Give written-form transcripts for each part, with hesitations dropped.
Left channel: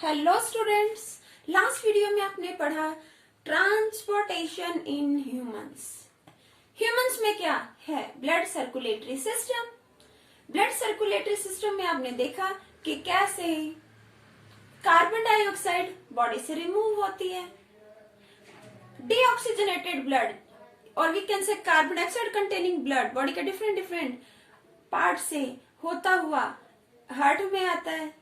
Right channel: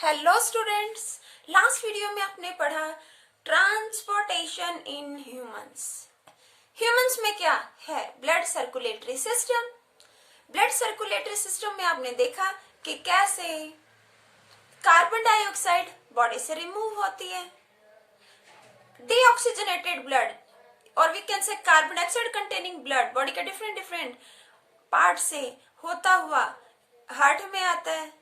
Hello students, last video में आपने पढ़ा ट्रांसपोर्टेशन इन ह्यूमंस। ह्यूमंस में क्या है? Blood circulatory system. Blood circulatory system में आपने देखा कि कैसे कार्बन डाइऑक्साइड बॉडी से रिमूव होती है, डीऑक्सीजनेटेड ब्लड और we can say carbon dioxide containing blood body के डिफरेंट डिफरेंट पार्ट से होता हुआ हार्ट में आता है,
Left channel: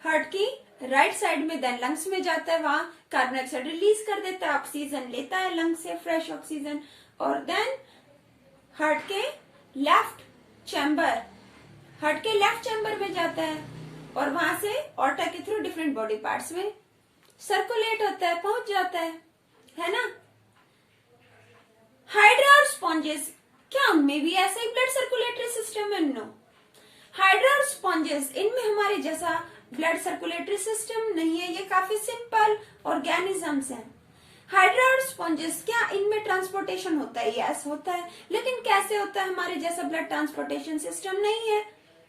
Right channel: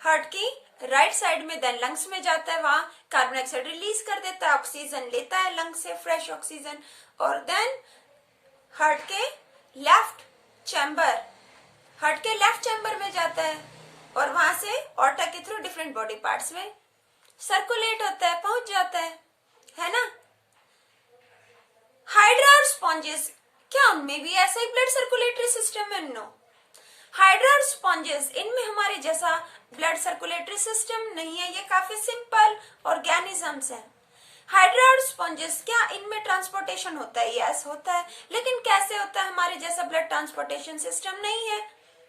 हार्ट की राइट साइड में देन लंग्स में जाता है, वहां कार्बन डाइऑक्साइड रिलीज कर देता है, ऑक्सीजन लेता है लंग्स से फ्रेश ऑक्सीजन, और देन हार्ट के लेफ्ट चैम्बर में जाता है और वहां से ऑर्टा के थ्रू डिफरेंट बॉडी पार्ट्स में सर्कुलेट होता है, पहुंच जाता है ना। हाइड्रा और स्पॉन्जेस, क्या उनमें भी ऐसा ही ब्लड सर्कुलेटरी सिस्टम है? नो। हाइड्रा और स्पॉन्जेस, इनमें हमारे जैसा ब्लड सर्कुलेटरी सिस्टम नहीं है, ये काफी सिंपल ऑर्गेनिजम्स हैं। हाइड्रा और स्पॉन्जेस, क्या इनमें ट्रांसपोर्टेशन होता है? यस होता है, लेकिन कैसे होता है? हमारे जैसा ब्लड ट्रांसपोर्टेशन सिस्टम नहीं है।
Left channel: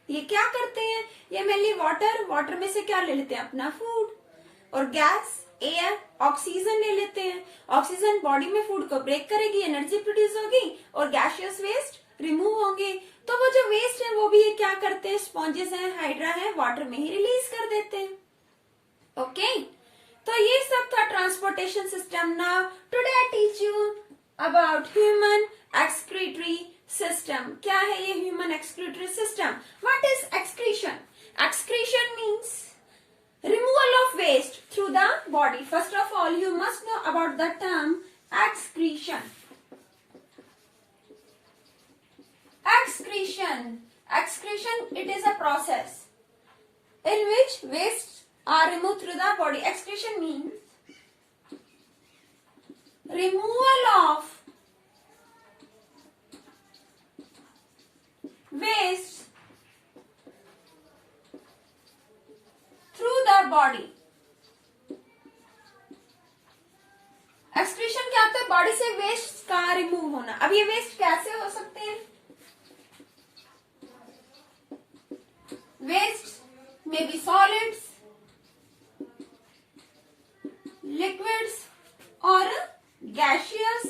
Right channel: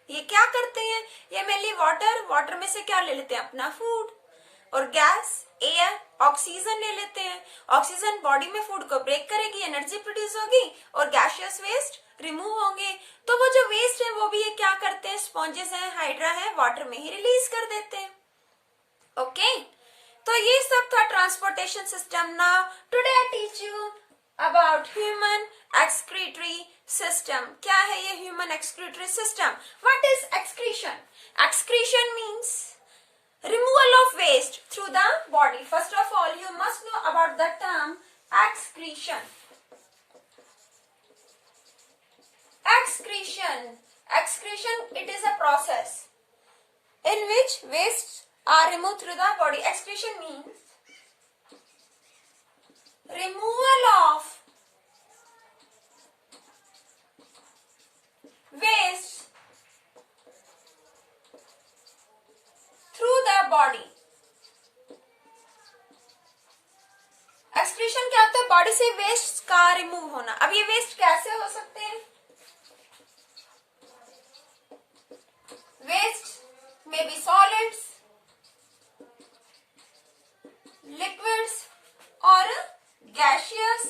ये क्या करते हैं? ये मेनली वाटर में से क्या ले लेते हैं? अपना फूड, और गैस, एयर, ऑक्सीजन ले लेते हैं। ऑक्सीजन बॉडी में फूड को ब्रेक करेगी, एनर्जी प्रोड्यूस होगी और गैसियस वेस्ट रिमूव होंगे। तो वो जो वेस्ट है वो भी ये क्या करते हैं? स्पॉन्जेस हैं, हाइड्रा है, वाटर में ही रिलीज कर देते हैं। ओके, तो ये सब था transportation system. Now today I teach you about human excretory system. क्या है ये human excretory system? What is excretion? Excretion means removal of waste through the body. First of all, you must know about the term excretion. Excretion, it is a process in which wastes are removed through the body. Excretion means removal of waste through the body. Excretion क्या होता है? Body से waste का remove होना। अब ये waste कैसे हो सकते हैं? वेस्ट में बी सॉलिड्स, लिक्विड्स और गैसियस।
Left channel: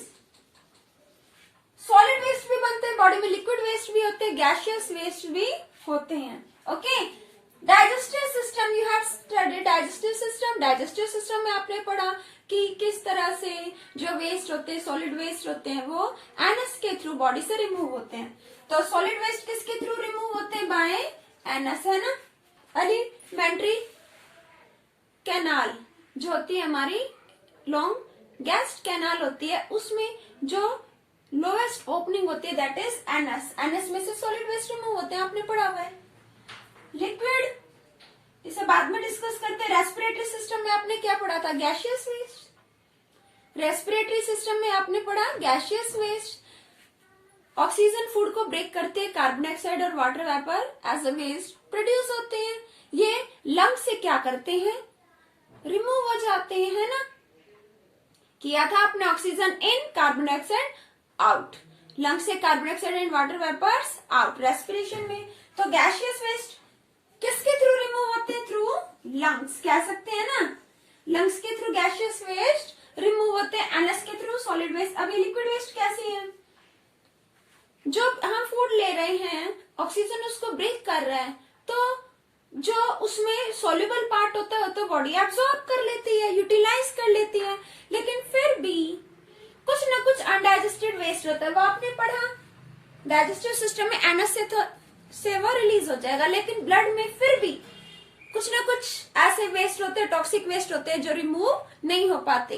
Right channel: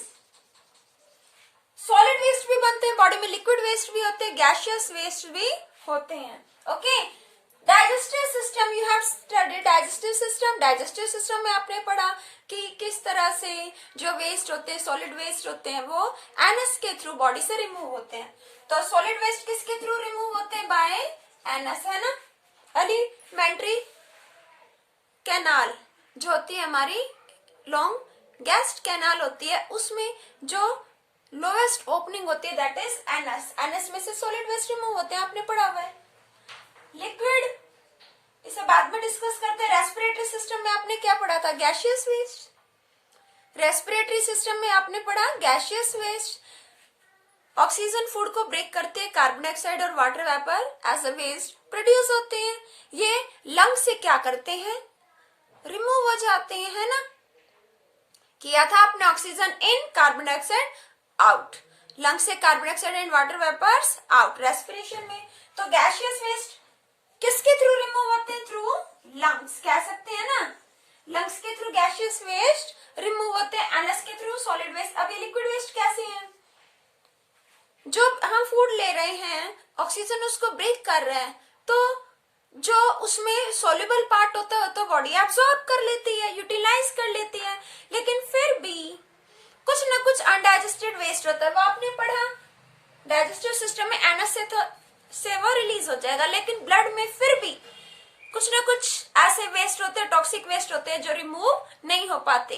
सॉलिड वेस्ट भी बनते हैं बॉडी में, लिक्विड वेस्ट भी होते हैं, गैसियस वेस्ट भी होते हैं। Okay, digestive system, you have studied digestive system. Digestive system में आपने पढ़ा कि किस तरह से जो वेस्ट होते हैं, सॉलिड वेस्ट होते हैं, वो एनस के थ्रू बॉडी से रिमूव होते हैं। तो सॉलिड वेस्ट किसके थ्रू रिमूव होते हैं? बाय एनस, है ना। एलिमेंट्री कैनाल जो होती है हमारी, लॉन्ग गैस्ड कैनाल होती है, उसमें जो लोएस्ट ओपनिंग होती है दैट इज एनस। एनस में से सॉलिड वेस्ट रिमूव होते हैं, आपने पढ़ा हुआ है। लिक्विड, इसे बाद में डिस्कस करते हैं। रेस्पिरेटरी सिस्टम में आपने क्या पढ़ा था? Gaseous waste. रेस्पिरेटरी सिस्टम में आपने पढ़ा गैसियस वेस्ट। ऑक्सीजन फूड को ब्रेक करते हैं, कार्बन डाइऑक्साइड और water vapour as a waste produce होते हैं। ये लंग से क्या करते हैं? रिमूव हो जाते हैं, है ना। किया था आपने oxygen in, carbon dioxide out, lung से carbon dioxide and water vapours out respiration में। तो गैसियस वेस्ट किसके थ्रू रिमूव होते हैं? थ्रू लंग्स, कह सकते हैं ना। लंग्स के थ्रू गैसियस वेस्ट रिमूव होते हैं, एनएस के थ्रू सॉलिड वेस्ट। अब ये लिक्विड वेस्ट कैसे है? जो हम फूड ले रहे हैं, ऑक्सीजन उसको ब्रेक कर रहा है, तो जो उसमें सोल्यूबल पार्ट होता है तो बॉडी एब्सॉर्ब कर लेती है, यूटिलाइज कर लेती है, लेकिन फिर भी कुछ ना कुछ अनडाइजेस्टेड वेस्ट होता है, वो आपने पढ़ा। डाइजेस्टिव सिस्टम में एनएस से वो रिलीज हो जाएगा, लेकिन ब्लड में फिर भी कुछ ना कुछ ऐसे वेस्ट होते हैं, टॉक्सिक वेस्ट होते हैं जो रिमूव नहीं हो पाते।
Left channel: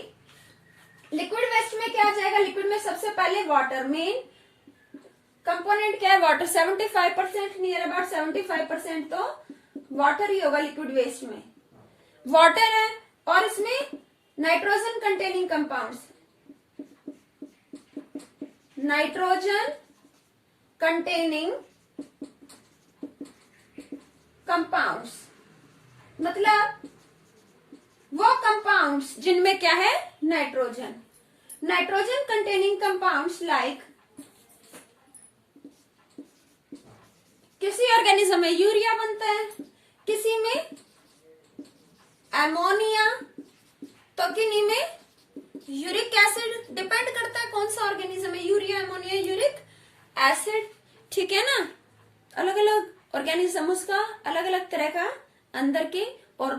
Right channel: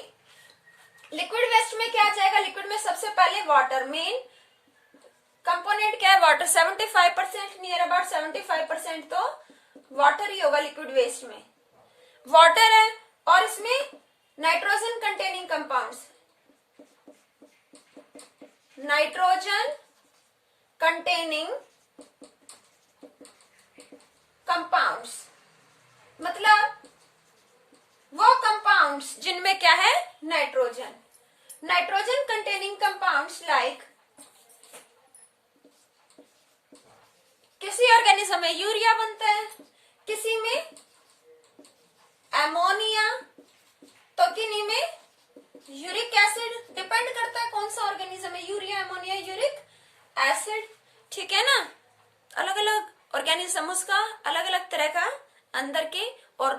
लिक्विड वेस्ट में क्या आ जाएगा? लिक्विड में सबसे पहले वाटर, मेन कंपोनेंट क्या है? वाटर। 75%, नियर अबाउट 75% तो वाटर ही होगा लिक्विड वेस्ट में। वाटर है और इसमें nitrogen containing compounds, nitrogen containing compounds मतलब वो कंपाउंड्स जिनमें क्या है? Nitrogen. Nitrogen containing compounds like, किसी ऑर्गेनिज्म में यूरिया बनता है, किसी में एमोनिया, तो किन्हीं में यूरिक एसिड डिपेंड करता है कौन सा ऑर्गेनिज्म है, यूरिया, एमोनिया, यूरिक एसिड, ठीक है ना। अलग अलग ऑर्गेनिज्म, उसका अलग अलग तरह का अंदर के और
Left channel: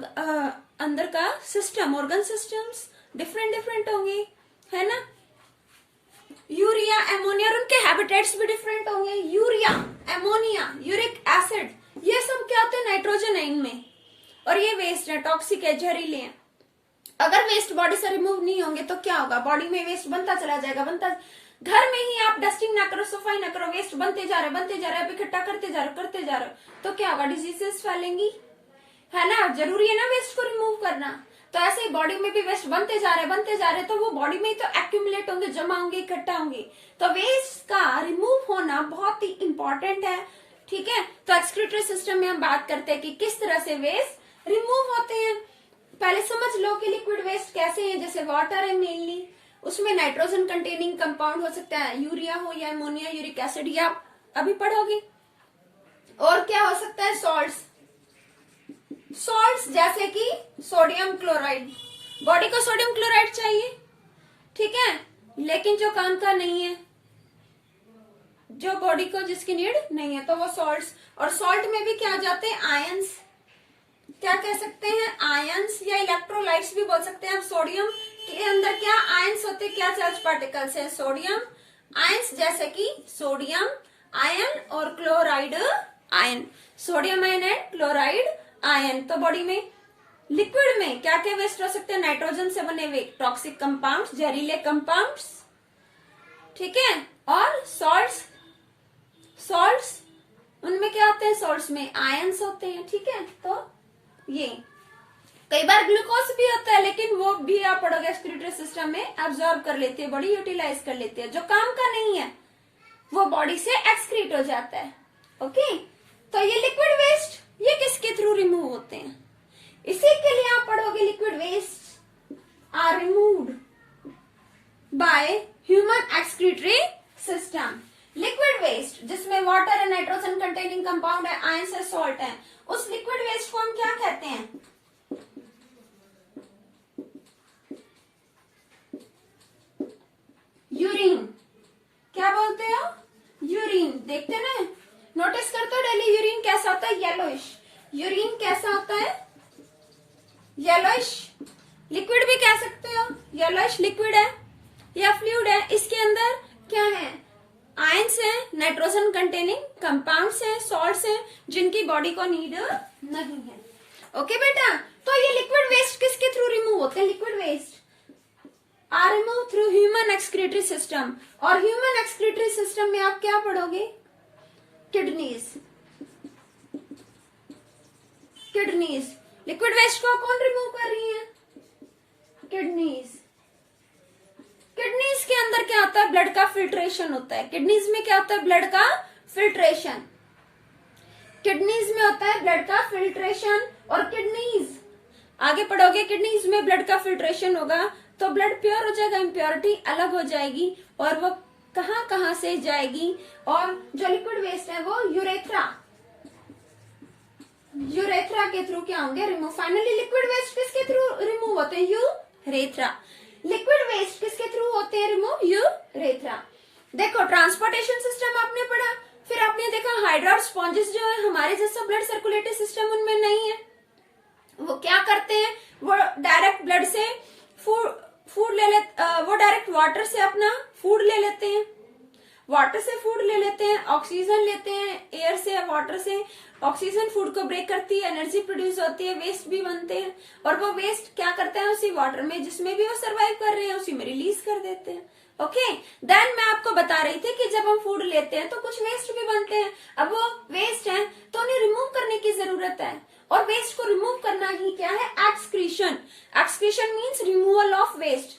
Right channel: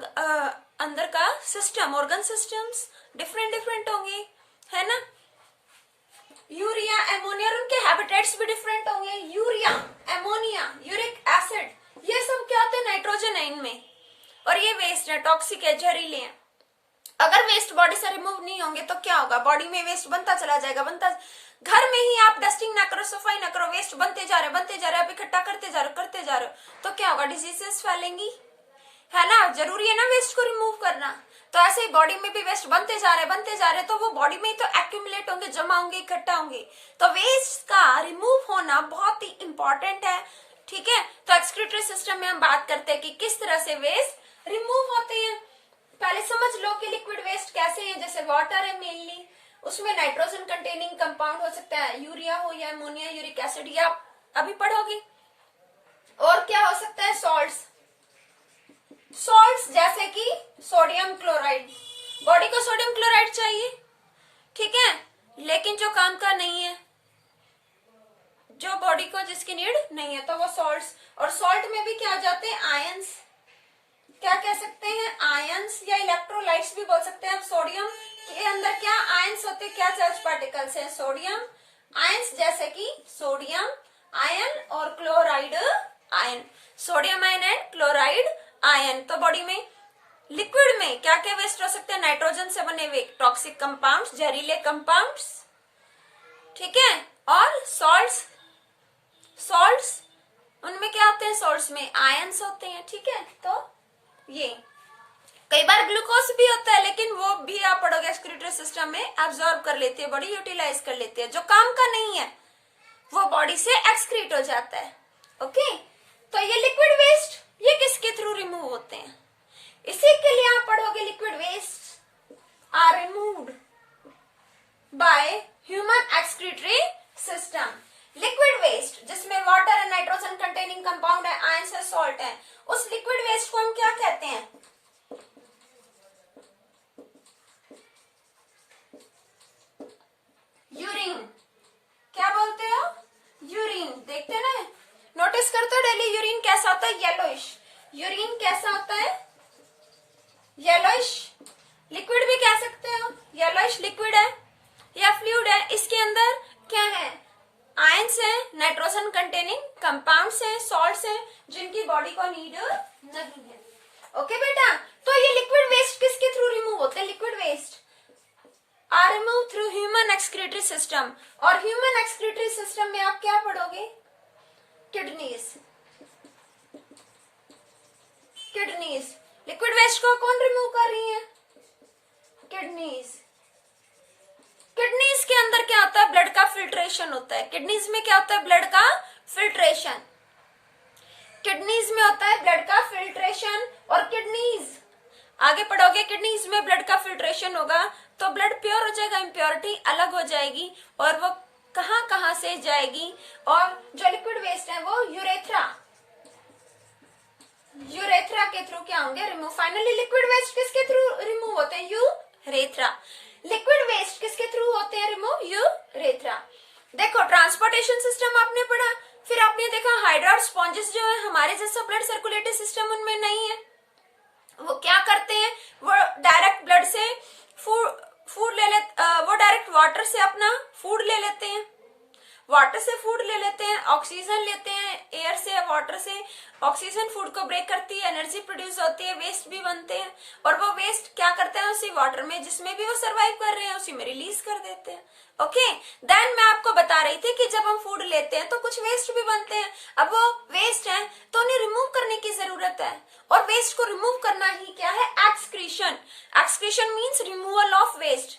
अंदर का system, organ systems different different होंगे, है ना। यूरिया, एमोनिया, और उनके हैबिटेट्स भी डिफरेंट होंगे। यूरिया, एमोनिया, यूरिक एसिड, ये सब क्या होते हैं, नाइट्रोजन है इनमें, और ये वेस्ट है, टॉक्सिक है, जहरीले हैं। अगर वेस्ट बॉडी से रिमूव नहीं होंगे तो क्या होगा, बॉडी में वेस्ट बनता चला जाएगा, घर में ही आप डस्टिंग ना करो, सफाई ना करो, वेस्ट बनते जा रहे, आप इकट्ठा करते जा रहे हो, तो क्या होगा, डिजीजेस फैलेंगी, है ना। जरूरी है ना वेस्ट को रिमूव करना। तो ऐसे ही बॉडी में भी वेस्ट बनते जा रहे, तो वो बॉडी में ही तो एक्यूमुलेट होंगे, जमा होंगे, इकट्ठा होंगे। तो वेस्ट का रिमूव होना बहुत ही इंपॉर्टेंट है, ठीक है। तो एक्सक्रीटरी सिस्टम में हम बात करते हैं कि किस तरह से वेस्ट रिमूव होते हैं। पहले समझ लो कि लिक्विड वेस्ट कैसे हैं। जैसे वाटर है मेनली, उसमें नाइट्रोजन कंटेनिंग कंपाउंड हो सकता है, यूरिया हो या अमोनिया, यूरिक एसिड, या अभी पढ़ोगे। और क्या हो सकता है, सॉल्ट्स जैसे कि सोडियम क्लोराइड। बॉडी को सोडियम क्लोराइड चाहिए, ठीक है, लेकिन जो काम का नहीं है, जो बॉडी को जिसकी नीड नहीं है, तो वो सॉल्ट्स। और सॉल्ट में भी क्या जाते हैं, आयंस, क्या कह सकते हैं, आयंस या इलेक्ट्रोलाइट्स भी बोल सकते हैं। अब सोडियम के अंदर क्या आयंस होते हैं, क्या चार्ज पार्टिकल्स हैं, सोडियम आयंस, जैसे कि सोडियम आयन और chloride ion, sodium ion and chloride ion. तो बॉडी में लिक्विड में क्या क्या वेस्ट हो सकते हैं, नाइट्रोजन से बने हुए टॉक्सिक कंपाउंड्स, जहरीले कंपाउंड्स, ठीक है। और सॉल्ट्स उनमें क्या होते हैं, सॉल्ट्स में आयंस होते हैं, ठीक है। तो ये कई बार ग्लूकोज भी होता है, लेकिन वो भी आप पढ़ोगे एक्सक्रीटरी सिस्टम में एब्जॉर्ब कर लेती है, बॉडी यूटिलाइज कर लेती है। जो काम का नहीं है वो बॉडी से एक्सक्रीट हो जाता है, ओके। तो ये लिक्विड वेस्ट, ये किसके थ्रू रिमूव होते हैं, इसी के लिए आप पढ़ोगे liquid waste are removed by human excretory system. Liquid waste जिसमें वाटर है, नाइट्रोजन कंटेनिंग कंपाउंड है, आयंस है, सॉल्ट है, उस लिक्विड वेस्ट को हम क्या कहते हैं, यूरिन। क्या बोलते हो, यूरिन। देखते ना, नोटिस करते हो डेली यूरिन कैसा होता है, येलोइश। यूरिन कैसा होता है, येलोइश। लिक्विड भी कह सकते हो, येलोइश लिक्विड है या फ्लूइड है। इसके अंदर क्या है, आयंस है, नाइट्रोजन कंटेनिंग कंपाउंड्स है, सॉल्ट्स है, जिनकी बॉडी को नीड नहीं है, ओके बेटा। तो ये लिक्विड वेस्ट किसके थ्रू रिमूव होते हैं, liquid waste are remove through human excretory system. और ह्यूमन एक्सक्रीटरी सिस्टम में आप क्या पढ़ोगे, किडनीज। लिक्विड वेस्ट को कौन रिमूव कर रही है, किडनीज। किडनीज के अंदर क्या होता है, ब्लड का फिल्ट्रेशन होता है। किडनीज में क्या होता है, ब्लड का फिल्ट्रेशन। किडनीज में होता है ब्लड का फिल्ट्रेशन। और किडनीज आगे पढ़ोगे, किडनीज में ब्लड का फिल्ट्रेशन होगा तो ब्लड प्योर हो जाएगा, इम्प्योरिटी अलग हो जाएगी, और वो कहां कहां से जाएगी। और जो लिक्विड वेस्ट है वो यूरेथ्रा के थ्रू क्या होंगे, रिमूव। फाइनली लिक्विड वेस्ट किसके थ्रू रिमूव होते हैं, यूरेथ्रा। लिक्विड वेस्ट किसके थ्रू होते हैं रिमूव, यूरेथ्रा। देखो ट्रांसपोर्टेशन सिस्टम आपने पढ़ा, फिर आपने देखा हाइड्रा और स्पॉन्जेस जो है हमारे जैसा ब्लड सर्कुलेटरी सिस्टम उनमें नहीं है। वो क्या करते हैं, वो डायरेक्ट ब्लड से फूड ले लेते, वो डायरेक्ट वाटर से अपना फूड ले लेते हैं, वाटर से फूड ले लेते हैं, ऑक्सीजन लेते हैं एयर से, वाटर से। ऑक्सीजन फूड को ब्रेक करती है, एनर्जी प्रोड्यूस होती है, वेस्ट भी बनते हैं, और वो वेस्ट क्या करते हैं, उसी वाटर में जिसमें भी वो सरवाइव कर रहे हैं उसी में रिलीज कर देते हैं, ओके। देन मैं आपको बता रही थी कि जब हम फूड लेते हैं तो कुछ वेस्ट भी बनते हैं। अब वो वेस्ट है तो उन्हें रिमूव करने की जरूरत है, और वेस्ट को रिमूव करना ही क्या है, excretion. Excretion means removal of waste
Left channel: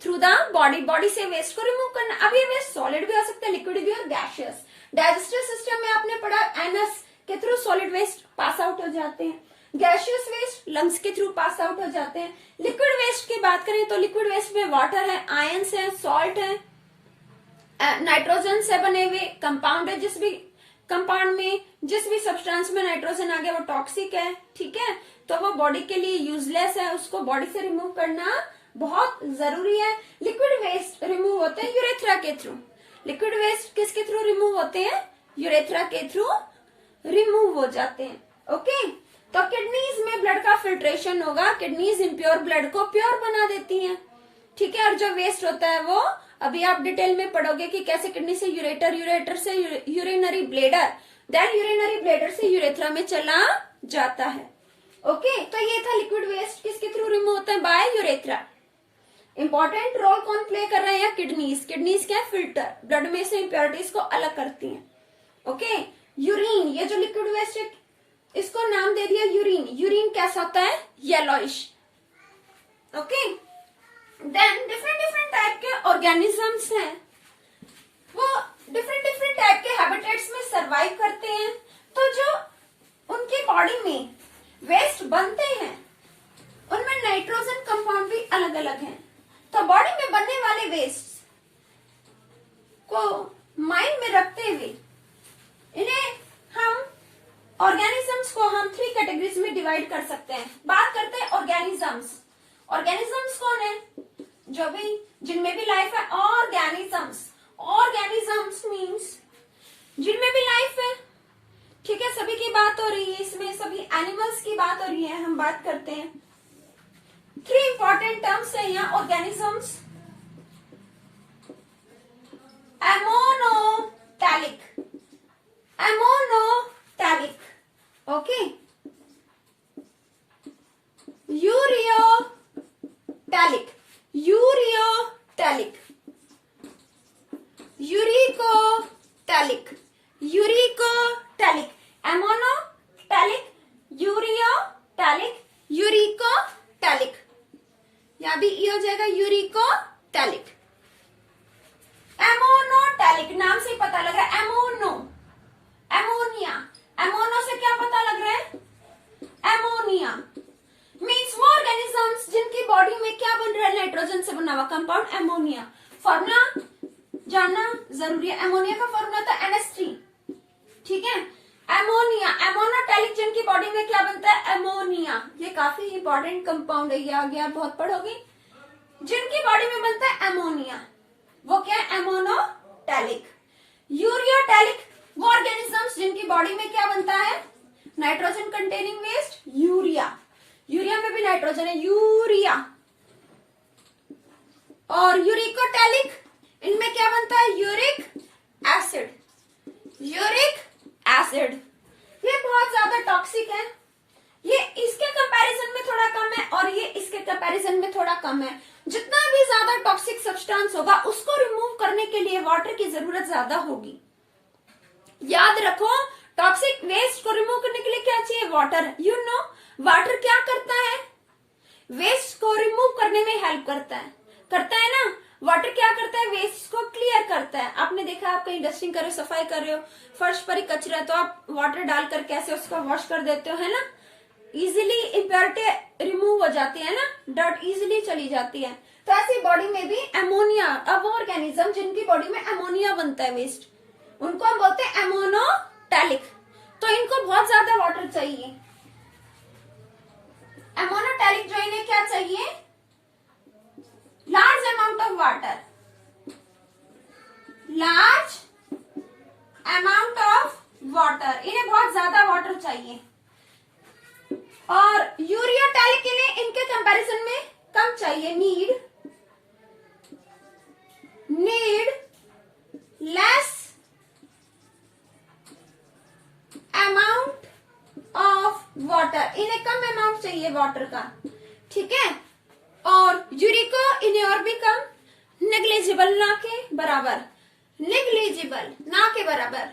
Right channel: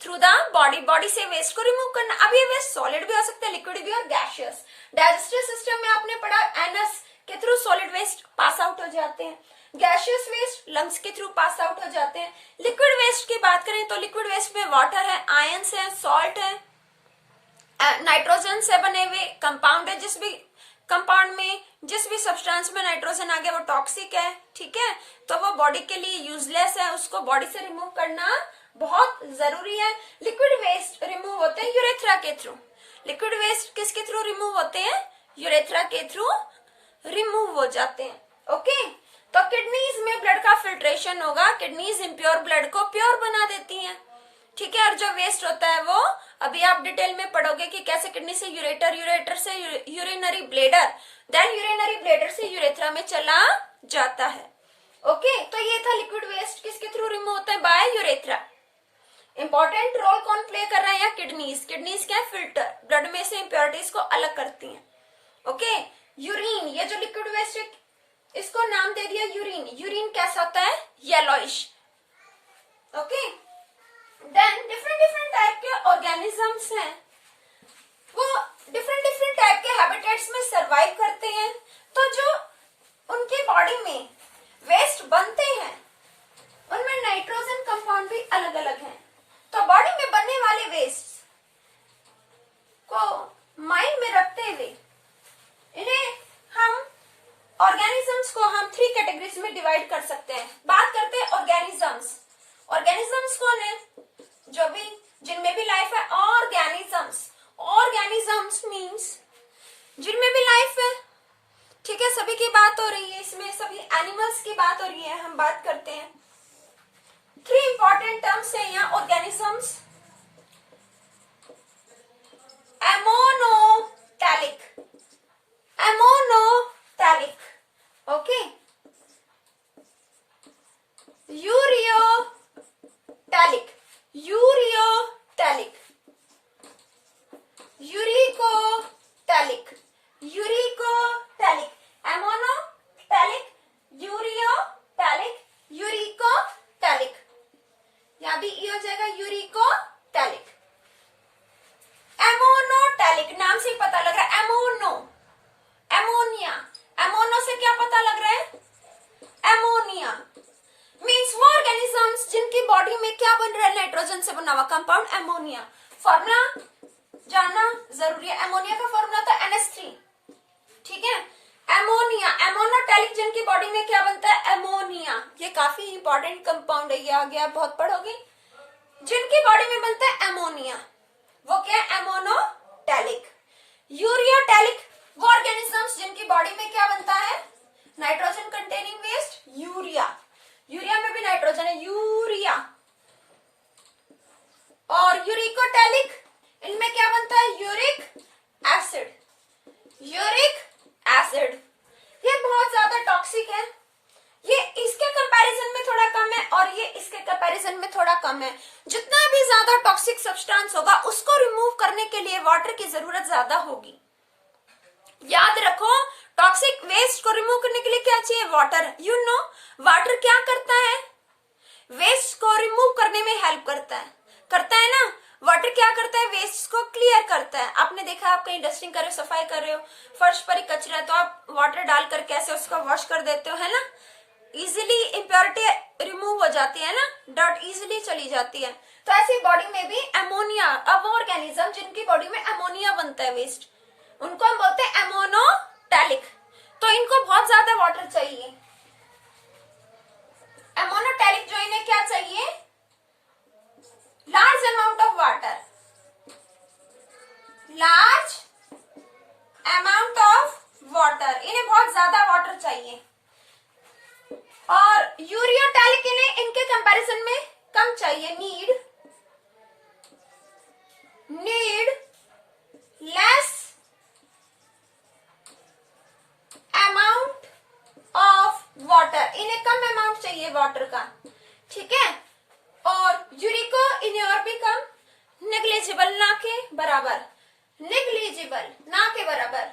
through the body से वेस्ट को रिमूव करना। अब ये वेस्ट सॉलिड भी हो सकता है, लिक्विड भी और गैसियस। डाइजेस्टिव सिस्टम में आपने पढ़ा एनस के through solid waste pass out हो जाते हैं, गैसियस वेस्ट लंग्स के थ्रू पास आउट हो जाते हैं। लिक्विड वेस्ट की बात करें तो लिक्विड वेस्ट में वाटर है, आयंस है, सॉल्ट है, नाइट्रोजन से बने हुए कंपाउंड है, जिस भी कंपाउंड में जिस भी सब्सटेंस में नाइट्रोजन आ गया वो टॉक्सिक है, ठीक है, तो वो बॉडी के लिए यूजलेस है, उसको बॉडी से रिमूव करना बहुत जरूरी है। लिक्विड वेस्ट रिमूव होते हैं यूरेथ्रा के थ्रू। लिक्विड वेस्ट किसके थ्रू रिमूव होते हैं? यूरेथ्रा के थ्रू रिमूव हो जाते हैं। ओके, तो किडनीज में ब्लड का फिल्ट्रेशन होगा, किडनीज इम्प्योर ब्लड को प्योर बना देती हैं, ठीक है। और जो वेस्ट होता है वो अभी आप डिटेल में पढ़ोगे कि कैसे किडनी से यूरेटर, यूरेटर से urinary bladder, then urinary bladder से यूरेथ्रा में चला जाता है। ओके, तो ये था लिक्विड वेस्ट किसके थ्रू रिमूव होता है? By urethra. इंपॉर्टेंट रोल कौन प्ले कर रहा है यहाँ? किडनीज। किडनीज क्या है? फिल्टर, ब्लड में से इम्प्योरिटीज को अलग करती हैं। ओके, यूरिन, ये जो लिक्विड वेस्ट है इसको नाम दे दिया यूरिन। यूरिन कैसा होता है? Yellowish. Okay, then different different type के ऑर्गेनिजम्स हैं, वो डिफरेंट डिफरेंट टाइप के हैबिटेट्स में सरवाइव करते हैं। तो जो उनकी बॉडी में वेस्ट बनते हैं उनमें नाइट्रोजन कंपाउंड भी अलग अलग हैं। तो बॉडी में बनने वाले वेस्ट को माइंड में रखते हुए इन्हें हम ऑर्गेनिजम्स को हम 3 कैटेगरीज में डिवाइड कर सकते हैं। बात करते हैं ऑर्गेनिजम्स। ऑर्गेनिजम्स कौन है? जो भी जिनमें भी लाइफ है, ऑर्गेनिजम्स। ऑर्गेनिजम्स मीन्स जिनमें भी लाइफ है, ठीक है, सभी की बात हो रही है, इसमें सभी एनिमल्स की बात हो रही है, हम बात करते हैं। 3 इंपॉर्टेंट टर्म्स है यहाँ organisms. Ammonotelic, ammonotelic, okay, ureotelic, ureotelic, uricotelic, uricotelic, ammonotelic, ureotelic, uricotelic. यहां भी ई हो जाएगा यूरिकोटैलिक। एमोनोटैलिक नाम से ही पता लग रहा है, एमोनो, एमोनिया। एमोनो से क्या पता लग रहा है? एमोनिया मीन्स वो ऑर्गेनिजम्स जिनकी बॉडी में क्या बन रहा है? नाइट्रोजन से बना हुआ कंपाउंड एमोनिया। फॉर्मूला जानना जरूरी है। एमोनिया का फॉर्मूला था NH3, ठीक है। एमोनिया, एमोनोटैलिक जिनकी बॉडी में क्या बनता है? एमोनिया। ये काफी इंपॉर्टेंट कंपाउंड है, ये आ गया, बहुत पढ़ोगे। जिनकी बॉडी में बनता है एमोनिया वो क्या है? एमोनोटैलिक। यूरियोटैलिक वो ऑर्गेनिजम्स जिनकी बॉडी में क्या बनता है? Nitrogen containing waste, urea. Urea में भी नाइट्रोजन है, यूरिया। और यूरिकोटैलिक इनमें क्या बनता है? Uric acid, uric acid. ये बहुत ज्यादा टॉक्सिक है, ये इसके कंपैरिजन में थोड़ा कम है और ये इसके कंपैरिजन में थोड़ा कम है। जितना भी ज्यादा टॉक्सिक सब्सटेंस होगा उसको रिमूव करने के लिए वाटर की जरूरत ज्यादा होगी। याद रखो, टॉक्सिक वेस्ट को रिमूव करने के लिए क्या चाहिए? वाटर। यू नो वाटर क्या करता है? वेस्ट को रिमूव करने में हेल्प करता है ना। वाटर क्या करता है? वेस्ट को क्लियर करता है। आपने देखा, आप कहीं डस्टिंग कर रहे हो, सफाई कर रहे हो, फर्श पर ही कचरा है तो आप वाटर डालकर कैसे उसको वॉश कर देते हो, है ना। इजिली इम्प्योरिटी रिमूव हो जाती है ना, डर्ट इजिली चली जाती है। तो ऐसी बॉडी में भी एमोनिया, अब वो ऑर्गेनिज्म जिनकी बॉडी में एमोनिया बनता है वेस्ट, उनको हम बोलते हैं एमोनोटैलिक। तो इनको बहुत ज्यादा वाटर चाहिए। एमोनोटैलिक जो इन्हें क्या चाहिए? Large amount of water, large amount of water, इन्हें बहुत ज्यादा वाटर चाहिए। और यूरियोटैलिक इन्हें इनके कंपैरिजन में कम चाहिए, need less amount of water, इन्हें कम अमाउंट चाहिए वाटर का, ठीक है। और यूरिको इन्हें और भी कम, नेग्लिजिबल ना के बराबर, नेग्लिजिबल ना के बराबर,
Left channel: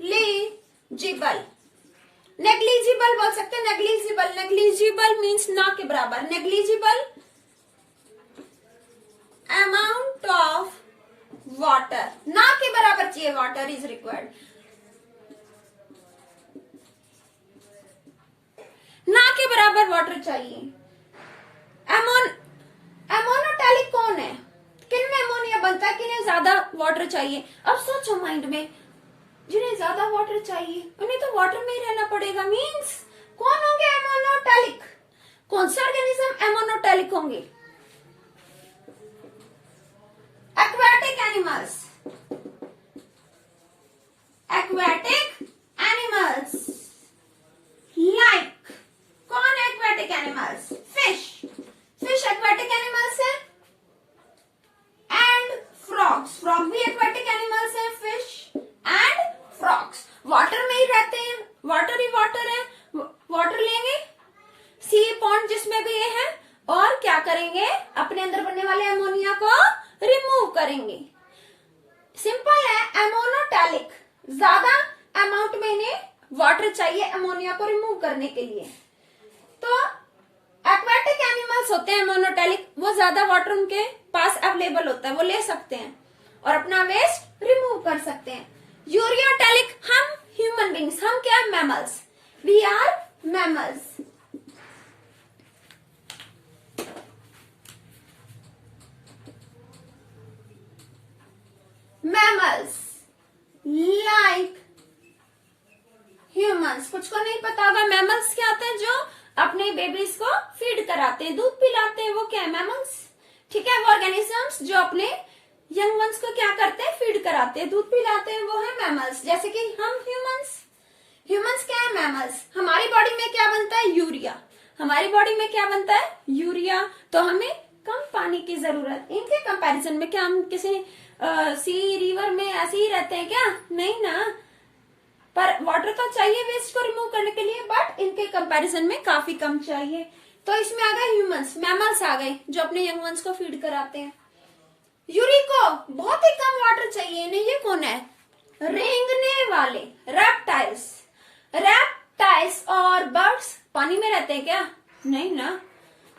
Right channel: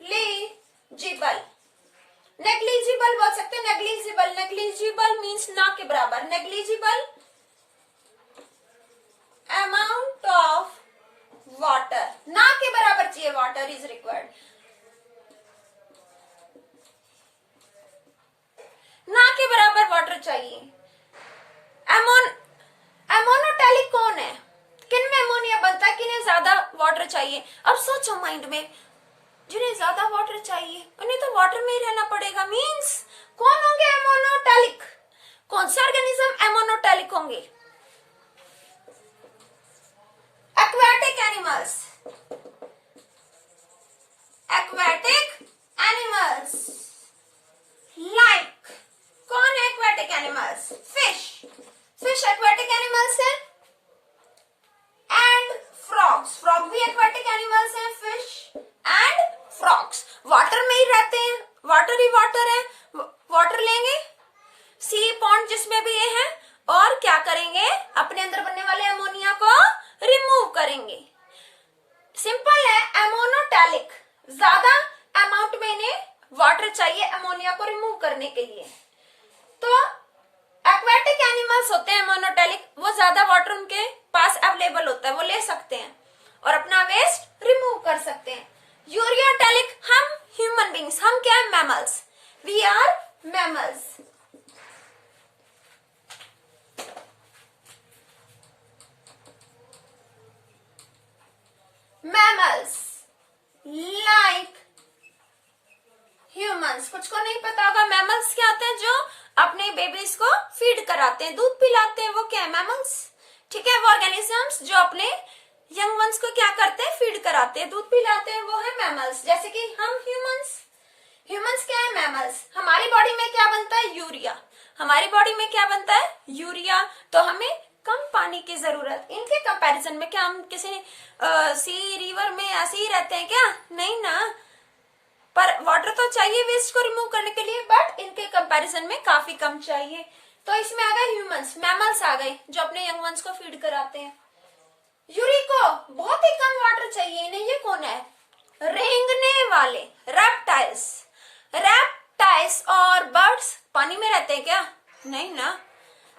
नेग्लिजिबल, नेग्लिजिबल बोल सकते हैं, नेग्लिजिबल, नेग्लिजिबल मीन्स ना के बराबर, नेग्लिजिबल अमाउंट ऑफ वाटर, ना के बराबर चाहिए वाटर इज रिक्वायर्ड। ना के बराबर वाटर चाहिए। एमोनोटैलिक कौन है? किन में अमोनिया बनता है, किन्हें ज्यादा वाटर चाहिए? अब सोचो माइंड में, जिन्हें ज्यादा वाटर चाहिए उन्हें तो वाटर में ही रहना पड़ेगा। मीन्स कौन होंगे एमोनोटैलिक? कौन से ऑर्गेनिज्म एमोनोटैलिक होंगे? Aquatic animals. Aquatic animals like, कौन है aquatic animals? Fish. Fish aquatic animals है। एंड फ्रॉग्स, फ्रॉग भी एक्वेटिक एनिमल्स हैं। फिश एंड फ्रॉग्स वाटर में ही रहते हैं, वाटर ही वाटर है, वाटर लेंगे सी पॉन्ड जिसमें भी ये है, और क्या करेंगे? अपने अंदर बनने वाले अमोनिया को रिमूव करेंगे। सिंपल है, एमोनोटैलिक, ज्यादा अमाउंट में इन्हें वाटर चाहिए अमोनिया को रिमूव करने के लिए। तो एक्वेटिक एनिमल्स होते हैं एमोनोटैलिक, वो ज्यादा वाटर उनके पास अवेलेबल होता है, वो ले सकते हैं और अपना वेस्ट रिमूव कर सकते हैं। यूरियाटैलिक, हम ह्यूमन बींग्स, हम क्या है? Mammals, we are mammals. Mammals like humans. कुछ को नहीं पता होगा मैमल्स क्या होते हैं? जो अपने बेबीज को फीड कराते हैं, दूध पिलाते हैं, वो क्या है? मैमल्स। ठीक है, वो ऑर्गेनिजम्स जो अपने यंग वंस को क्या करते हैं? फीड कराते हैं, दूध पिलाते हैं, वो है मैमल्स। जैसे कि हम ह्यूमंस, ह्यूमंस क्या है? मैमल्स। हमारी बॉडी में क्या बनता है? यूरिया। हमारी बॉडी में क्या बनता है? यूरिया। तो हमें कम पानी की जरूरत, इनके कंपैरिजन में। क्या हम किसी सी रिवर में ऐसे ही रहते हैं क्या? नहीं ना, पर वाटर तो चाहिए वेस्ट को रिमूव करने के लिए, बट इनके कंपैरिजन में काफी कम चाहिए। तो इसमें आ गए ह्यूमंस, मैमल्स आ गए जो अपने यंग वंस को फीड कराते हैं। यूरिको बहुत ही कम वाटर चाहिए इन्हें। ये कौन है? रेंगने वाले, रेप्टाइल्स। रेप्टाइल्स और बर्ड्स पानी में रहते हैं क्या? नहीं ना,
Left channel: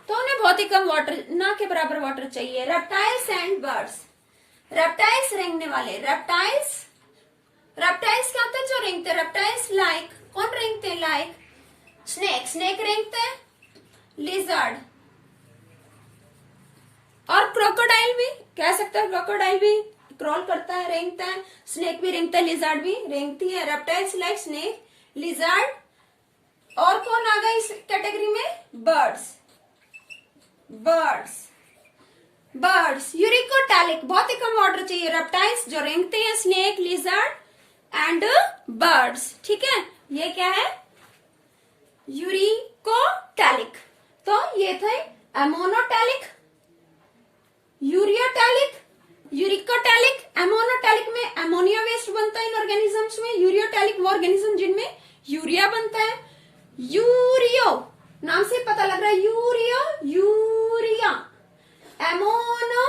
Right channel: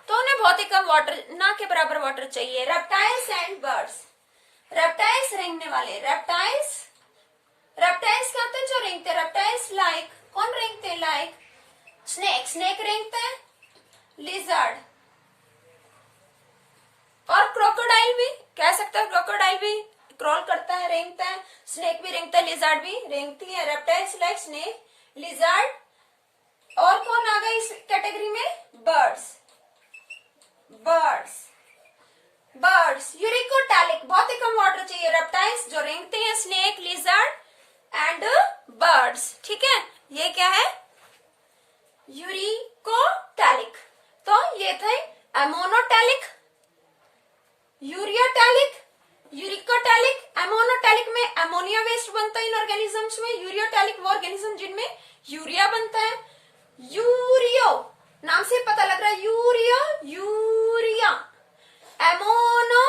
तो उन्हें बहुत ही कम वाटर, ना के बराबर वाटर चाहिए। Reptiles and birds. रेप्टाइल्स रेंगने वाले, रेप्टाइल्स। रेप्टाइल्स क्या होते हैं? जो रेंगते हैं। रेप्टाइल्स लाइक, कौन रेंगते हैं? लाइक स्नेक, स्नेक रेंगते हैं। लिजर्ड और क्रोकोडाइल भी कह सकते हो, क्रोकोडाइल भी क्रॉल करता है, रेंगता है। स्नेक भी रेंगता है, लिजर्ड भी रेंगती है। Reptiles like snake, lizard. और कौन आ गया इस कैटेगरी में? बर्ड्स। बर्ड्स, बर्ड्स यूरिकोटैलिक, बहुत ही कम वाटर चाहिए। रेप्टाइल्स जो रेंगते हैं, स्नेक, लिजर्ड एंड बर्ड्स। ठीक है, ये क्या है? यूरिकोटैलिक। तो ये थे एमोनोटैलिक, यूरियोटैलिक, यूरिकोटैलिक। एमोनोटैलिक में अमोनिया वेस्ट बनता है इन ऑर्गेनिजम्स में। यूरियोटैलिक वो ऑर्गेनिज्म जिनमें यूरिया बनता है। यूरियो नाम से पता लग रहा है, ureo, urea. Ammono,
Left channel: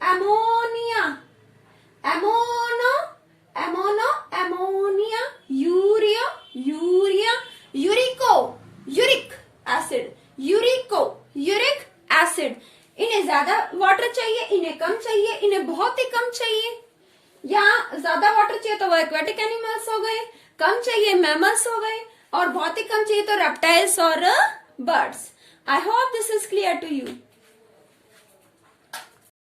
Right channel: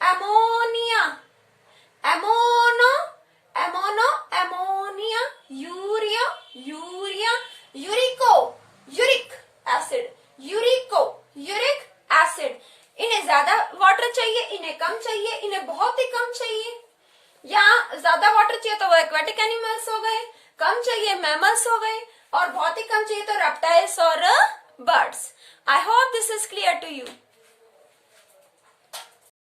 ammonia. Ammono, ammono, ammonia. Ureo, urea. Urico, uric acid. Urico, uric acid. इन्हें ज्यादा वाटर चाहिए, इन्हें कम चाहिए, इन्हें बहुत ही कम चाहिए। या ज्यादा वाटर चाहिए तो वो एक्वेटिक एनिमल्स हो गए, कम चाहिए मैमल्स हो गए, और बहुत ही कम चाहिए तो रेप्टाइल्स और birds. I hope this is clear to you.